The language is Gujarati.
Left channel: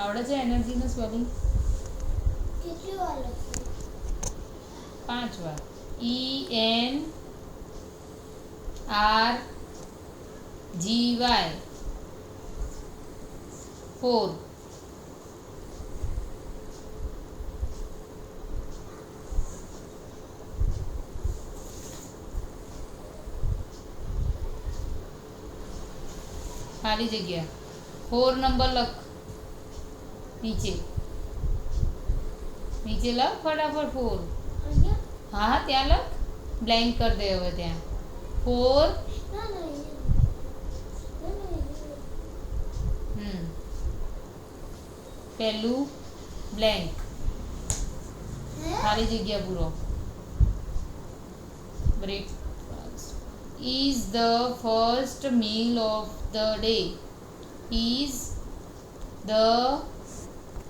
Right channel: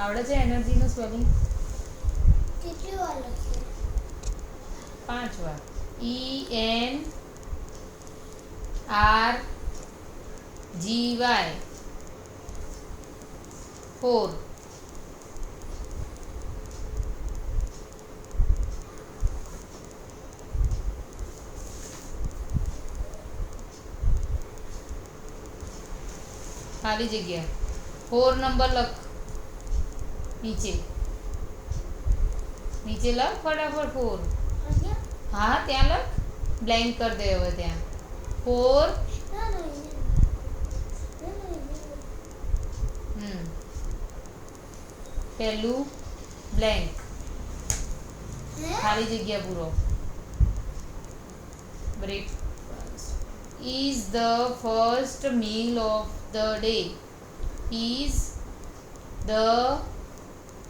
આવડે છે એનર્જીનું સ્પેલિંગ? કેટલી વાર લખ્યું? 5 વાર. ENRGY 4. ખાલી જગ્યા 4 નંબર લખ નીચે નીચે લખ ફટાફટ 4. અહીંયા? હા ત્યાં લખ, બ્લેન્ક કરી દે હવે ત્યાં 4. ના ના અહીંયા. ના ના અહીંયા. પહેલું બ્લેન્ક, હે? ખાલી જગ્યા પૂરો. Breakfast is the first meal of the day. Is the